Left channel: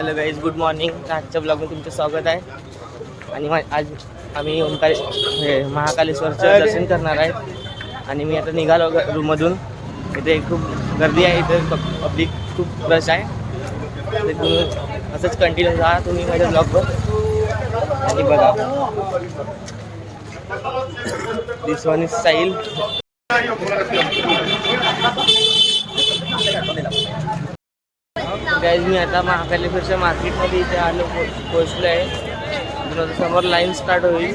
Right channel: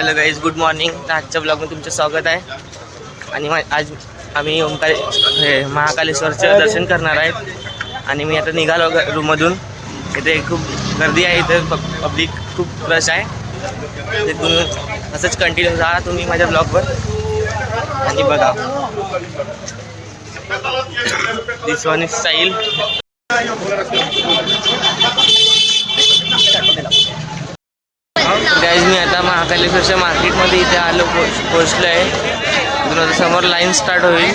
Hello guys, good morning. आजच्या ब्लॉगमध्ये तुमचं स्वागत आहे. आणि आज आम्ही महाकालेश्वरचं दर्शन करणार आहेत. आणि मी आता निघालो रूममधून. इथे खूप गर्दी आहे, इथे पब्लिक खूप रश आहे. तिथून असंच कंटिन्यू राहा तुम्ही माझ्या ब्लॉगवर आणि बघा. दिस वन इज स्टाईल. गाईज, मी आता महाकालेश्वरच्या मार्केटमध्ये इथे आलो पोचलो आहे. तिथून आता समोर लाईन स्टार्ट होईल.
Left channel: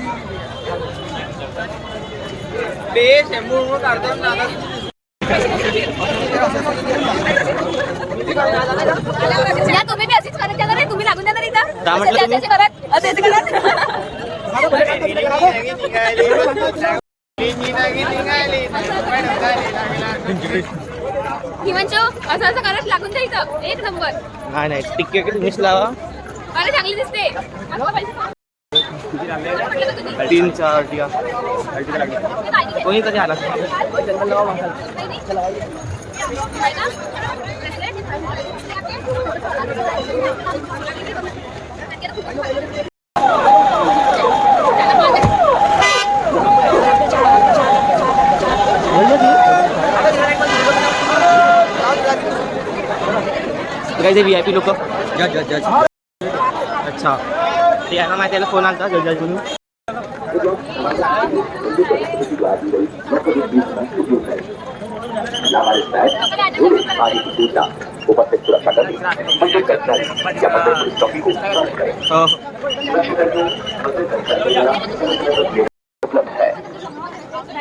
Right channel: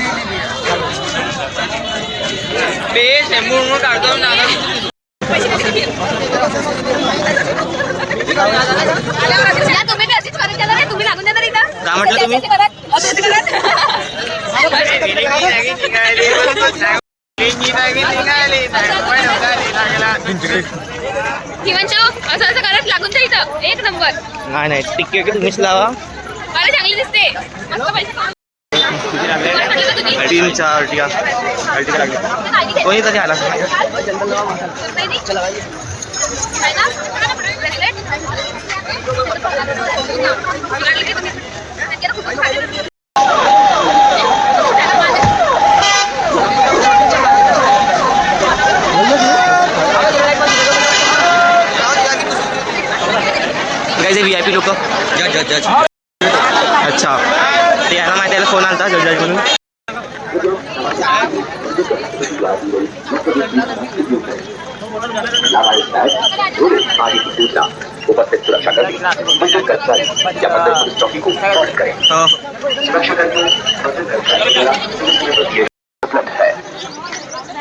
काय म्हटलं तुम्ही? असं करत लागून जायचं. एक नंबर. नाही तिकीट तुम्हीच लावा. अरे चांगली दिसते. 3-4 अर्टिगा लागले. कोणी तरी आला. कैसे VIP लोक. अच्छा, ते यांना माहिती आहे, फोन आला जज म्हणून. उपस्थित सुरक्षाकर्मी, मंदिर कर्मचारी या मंदिर पुलिस चौकी को कार्य करें. सुरक्षाकर्मियों, मंदिर कर्मचारियों उपलब्ध है.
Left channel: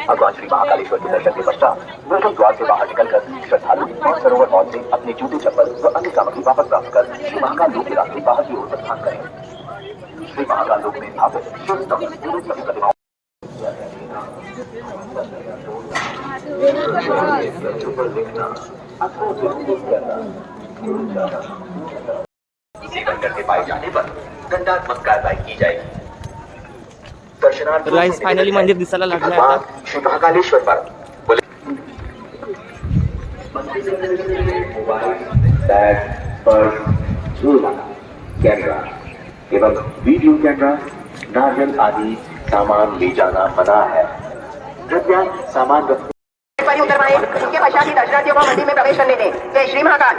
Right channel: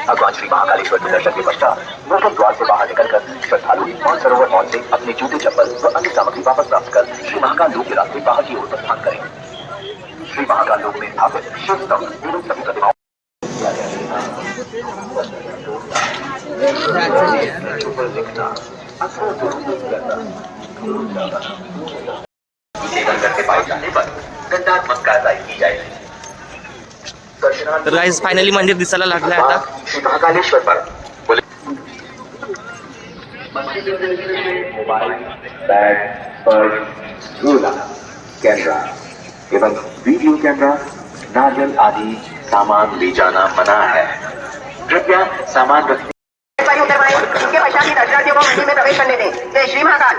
भगवान श्री महाकालेश्वर के दर्शन के पश्चात नूतन द्वार से बाहर निकलकर श्रद्धालु सरोवर मॉल से अपने जूते, चप्पल व अन्य सामग्री वापस प्राप्त कर श्री महाकाल लोक के रास्ते बाहर की ओर प्रस्थान करें. श्री महाकाल लोक में स्थापित शिव स्तंभ एवं सभी प्रतिमाओं करके पाए जाने पर दंडात्मक कार्रवाई की जाएगी. तर गाईज, फायनली मंदिर दिसायला लागलं आहे आता. श्री महाकालेश्वर पर मोबाइल, बैग, पर्स, झोला, कैमरा एवं वीडियो कैमरा, नारियल आदि सामान ले जाना मना है. कृपया सामान रखने उनके पश्चात ही दर्शनार्थियों को मंदिर में प्रवेश करने दें. जय श्री महाकाल.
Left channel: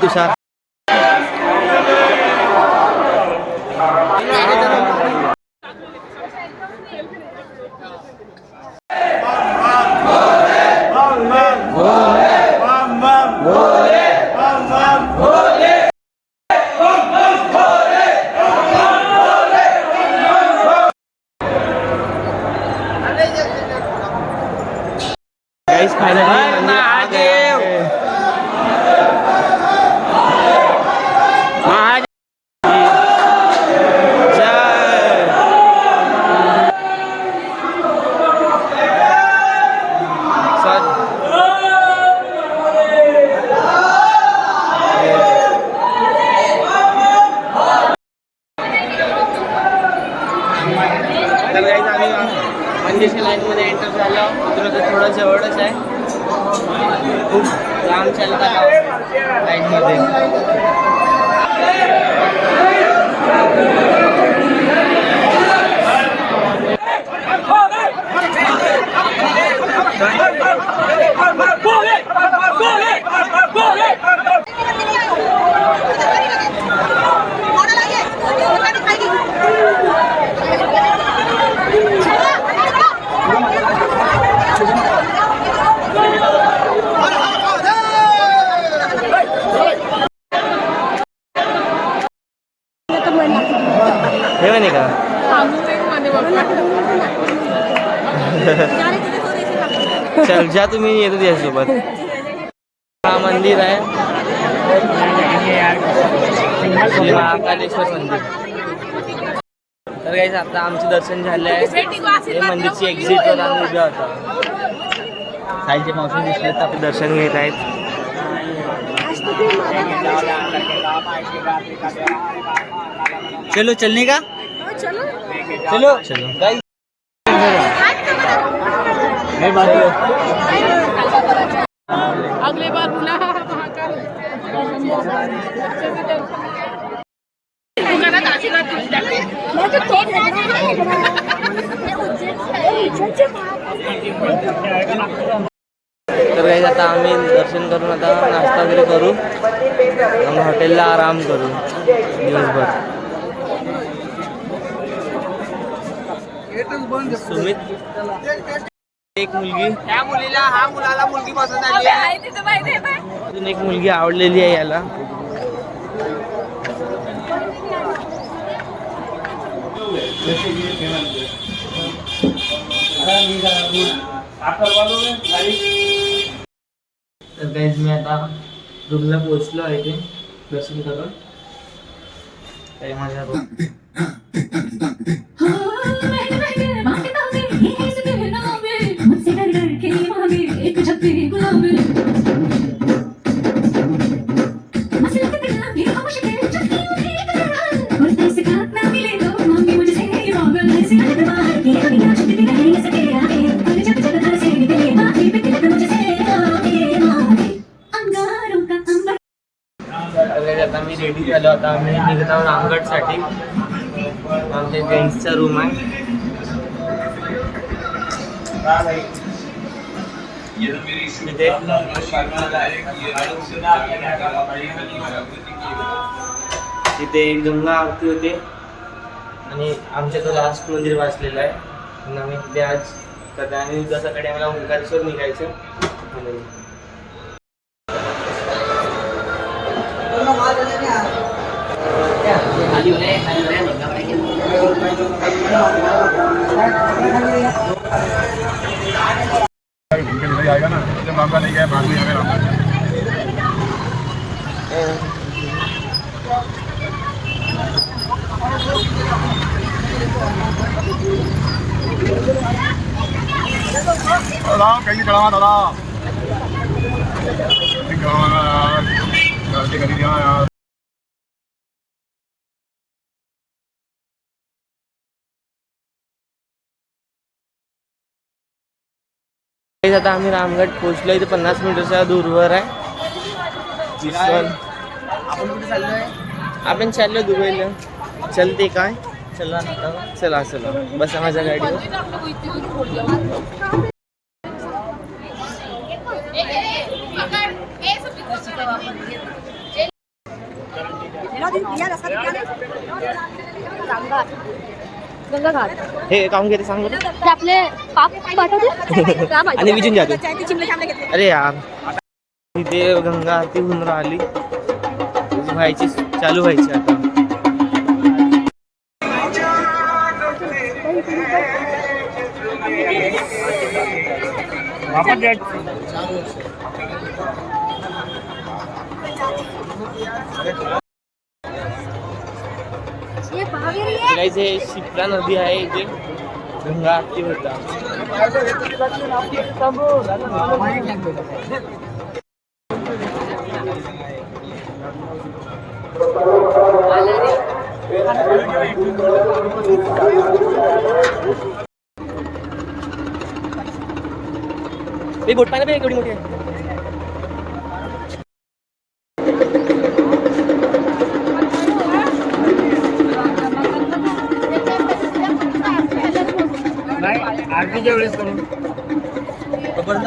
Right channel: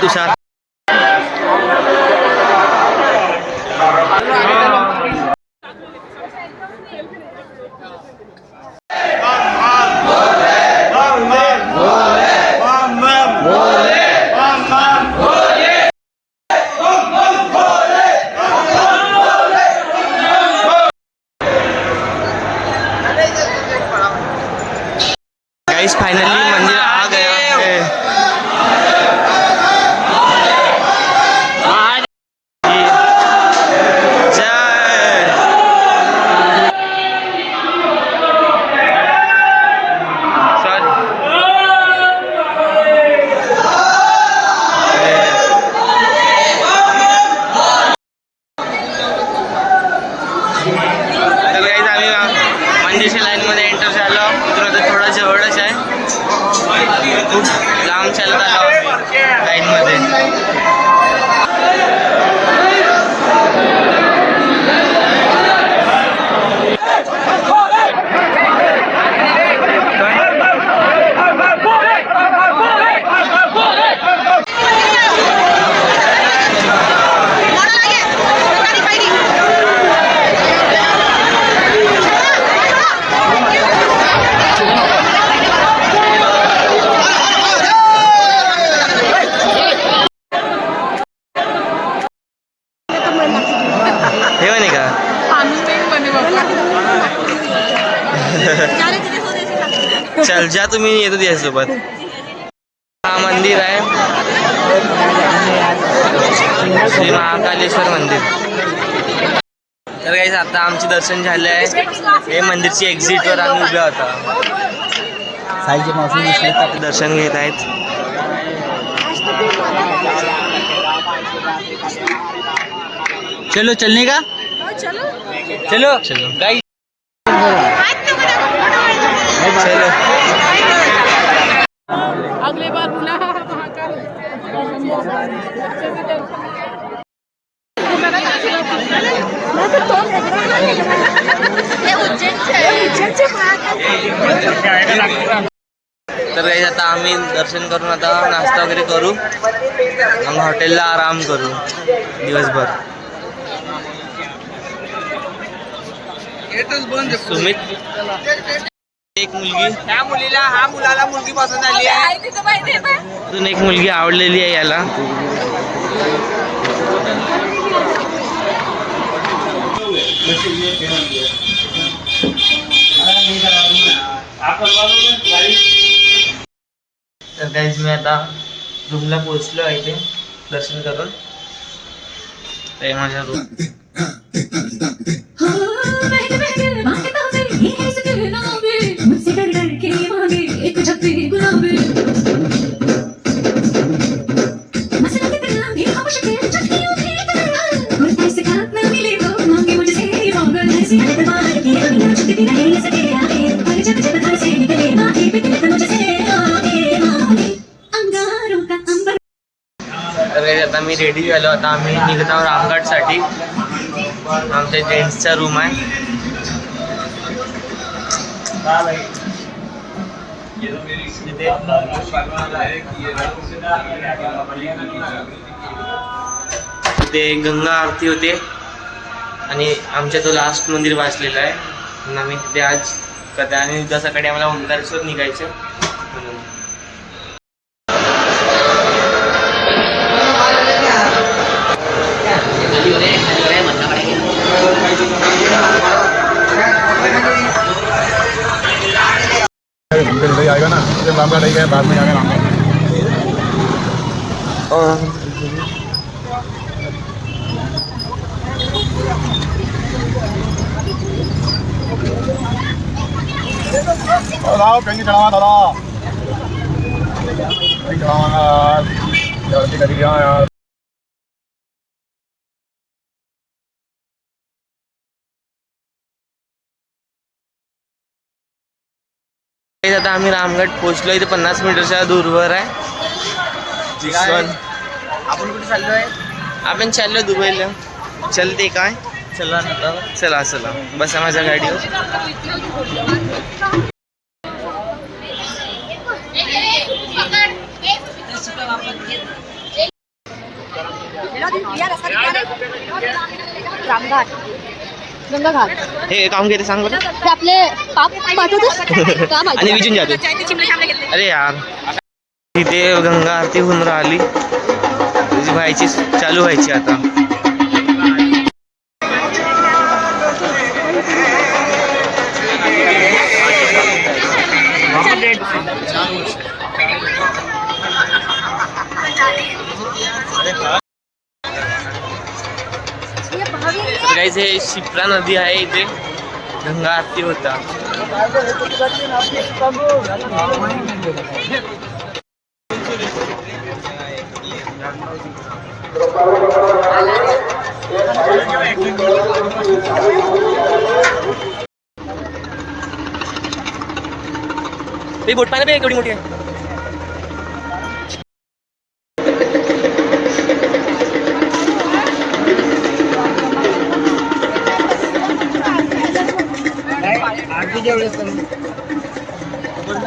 तुषार. गाइस, फाइनली मंदिर आ गया है. तर गाईज, आम्ही मंदिरच्या लाईनमध्ये एंटर झालो. इथून तर थोडं जवळच आहे. खूप लांब चालत आलो लाईनमध्ये. चल जा तुम्ही येतो त्याच्यासोबत. हा मंदिर आहे श्री महाकालेश्वर मंदिर. तर काही आता आमचे दर्शन झाले आहे. हे मंदिरची एक्झिटवर आम्ही उभ्या होता. दर्शन घेत आहेत. चलो चलने का चलो चलो गाइस चलो. अगले बार पुन्हा महाकाल दुकानात आशीर्वाद तर काही आता आम्ही दर्शन करून आता नाश्ता वगैरे करू. मग हॉटेलला आराम करू दिवसभर. सुमित एक मुलगी अजून एक मुलगी आवडलेली आहे याला. तर काहीच मी आता रूमला पोहोचलो आहे इथे दर्शन करून. ते माझ्या रूम. आता मी रेडी झालो. आता आम्ही निघत आहोत रामगडसाठी. आमच्या जेंट्सचा रूम आहे. तिथे गंगा आरती होते आणि आमच्या तो लास्ट मंदिर वाचलेलं आहे म्हणून आम्ही तिथे आज कदा. आणि उद्या सकाळी आम्हाला ओंकारेश्वर निघायचं म्हणून. आएगा ना रामगढ़ ले गया बाद में आएगा रामगढ़. कहीं चढ़ावा दादा गलती करी दिया यार. आता आम्ही रामगड पोहोचलो. इथे 50 मीटरच्या दूरवर आहे. आपण कुठे चाललोय? आपण चाललो दुबईला. चलते काय? चला चला चला बसा माझ्या गाडीवर. हे काम घेते सांग बरं. आपले पाप आणि विजून जाते. अरे यार तिथे गंगा आरती होऊन राहिली. व्हायची चालू व्हायची आता. तर काहीच हे शिप्रा नदी आहे. इथे गंगा आरती होता. बोट पाहिजे एवढी मोठी आहे.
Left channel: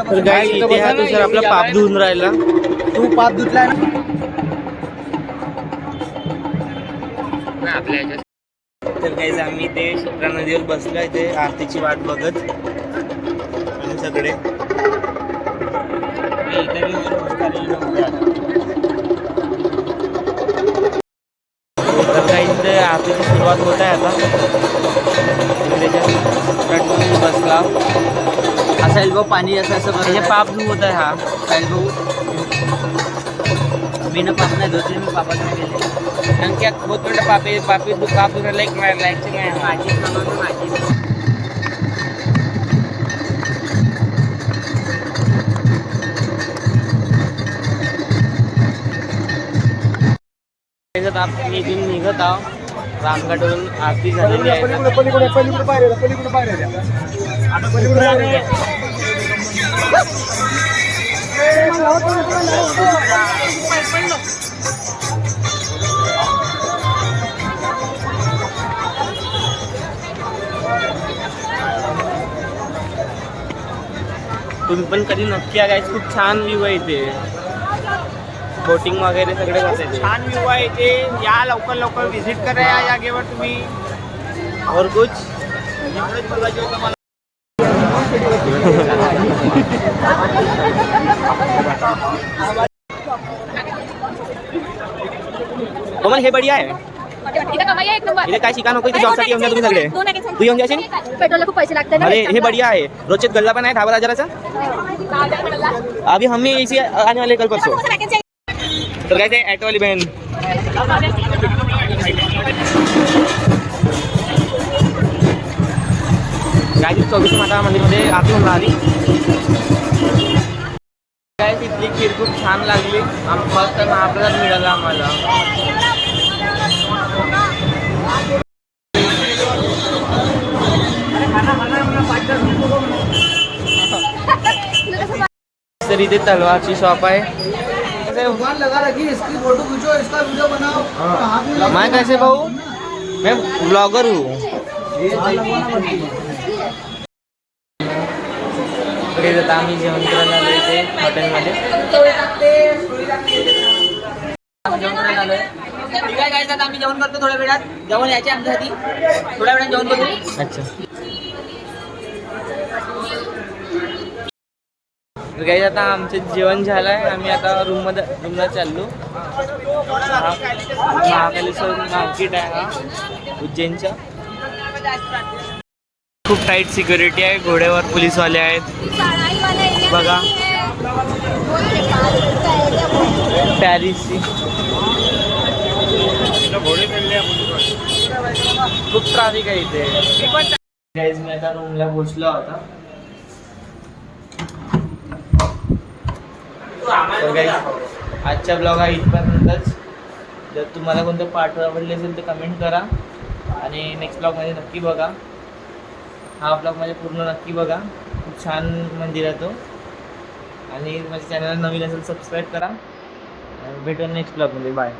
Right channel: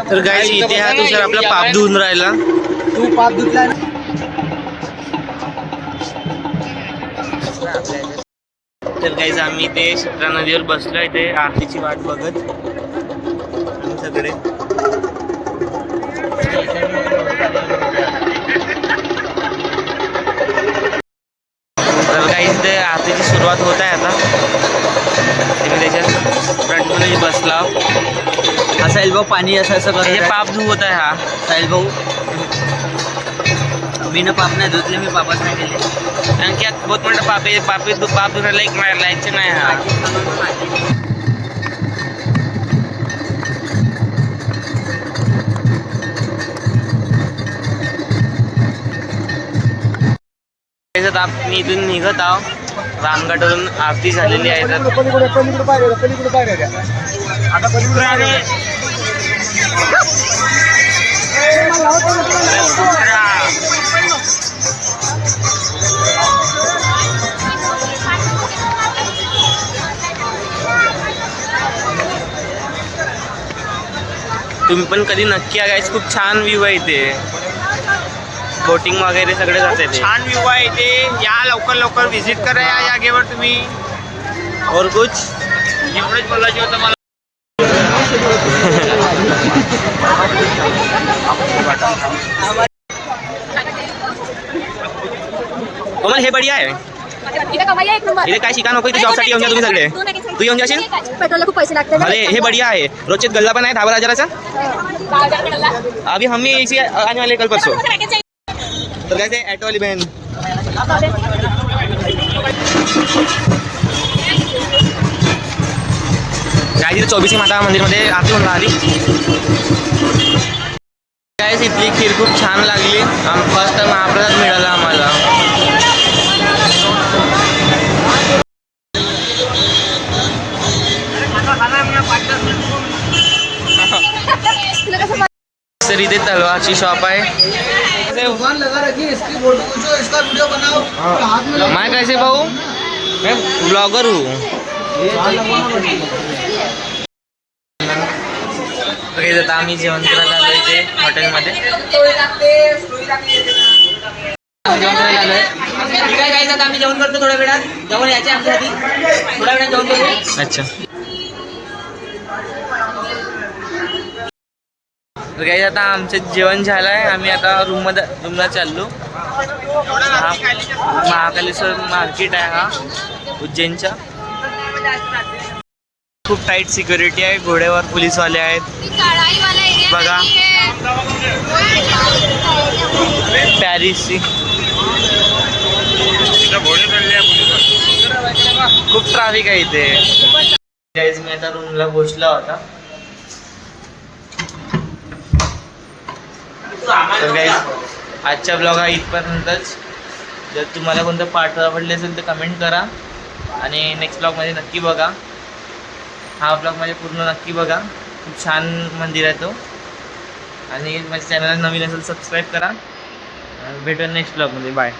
तर गाईस इथे हा तुषार आपला पाप धुवून राहिला. तू पाप धुतला ना आपल्या. तर गाईस आम्ही इथे शिप्रा नदीवर बसलो. इथे आरतीची वाट बघत आम्ही सगळे. तर गाईस इथे आरतीची सुरुवात होत आहे आता. तुम्ही त्याच्यात ब्लॉग. साहिल भाऊ पाणी असं असं हे पाप धुवत आहे हा. साहिल भाऊ मी ना पाप नाही धुतले, मी पापच नाही केले. कारण की बहुत मोठा पाप आहे. पाप धुरायला एक लायकचं नाही हा. मी इथून निघत आहो. रामगडवरून आरती झालेली आहे. तर पलीकडे पाहिजे आता पलीकडे तुम्ही पण कधी नक्की या गाईस. खूप छान व्ह्यू आहे इथे. बोटिंग वगैरे सगळे जाते. छान व्ह्यू आहे इथे. या लवकर व्हिजिट करा या जागेवर तुम्ही. और कुछ एवढंच बोलायचं होतं मला. कोमल हे बढिया आहे. इथे कमाई आहे एक नंबर. इथे काय शिका नको. इथे जॉबसाठी येऊन जा तुम्ही सगळे. तू येऊन जाशील. पेट्रोलला खूप पैसे लागतात. अरे हे बढ़िया है. रोचक गल्ला पण आहे 10,000चा. अभी हम ही इसी आने वाले कल परसों. तर काय ते ऑटो वाली बहन. काय तिथे 24 माता मंदिरमध्ये आरती होऊन राहिली. काय इथली खीर खूप छान लागली. फर्स्ट टाइम महाप्रसाद मिळाला आम्हाला. तर इथे तलवारची शॉप आहे. मैं कैसे भाऊ मैं ब्लॉगर हूँ. आता आम्ही जेवण करायला आलो इथे हॉटेलमध्ये. आता आम्ही जेवण करतो थोड्या वेळात. जेवण यायचे आमच्यासाठी थोड्या वेळात जेवण करू. अच्छा. तर काही आता आमचं जेवण झालं आहे. आम्ही आता रूमला चाललो. हा महाकालेश्वर मार्केट आहे हा उज्जैनचा. खूप टाईट सिक्युरिटी आहे. घोड्यावर पोलीसवाले आहेत बघा. पॅरिसची खूप ट्रॅफिक आहे इथे. गाईज मी आता रूमला पोहोचला होता. तर गाईज आजच्या ब्लॉग हा इथपर्यंतच. जर तुम्हाला कोणतं पार्ट आवडले असेल तर कमेंट करा आणि नेक्स्ट ब्लॉगमध्ये नक्की बघा. हा ब्लॉग माझे पूर्ण नक्की बघा. खूप छान मंदिर आहे तो. आणि माझ्या चॅनलला नवीन असेल सबस्क्राईब करा. भेटूया नेक्स्ट ब्लॉगमध्ये. बाय.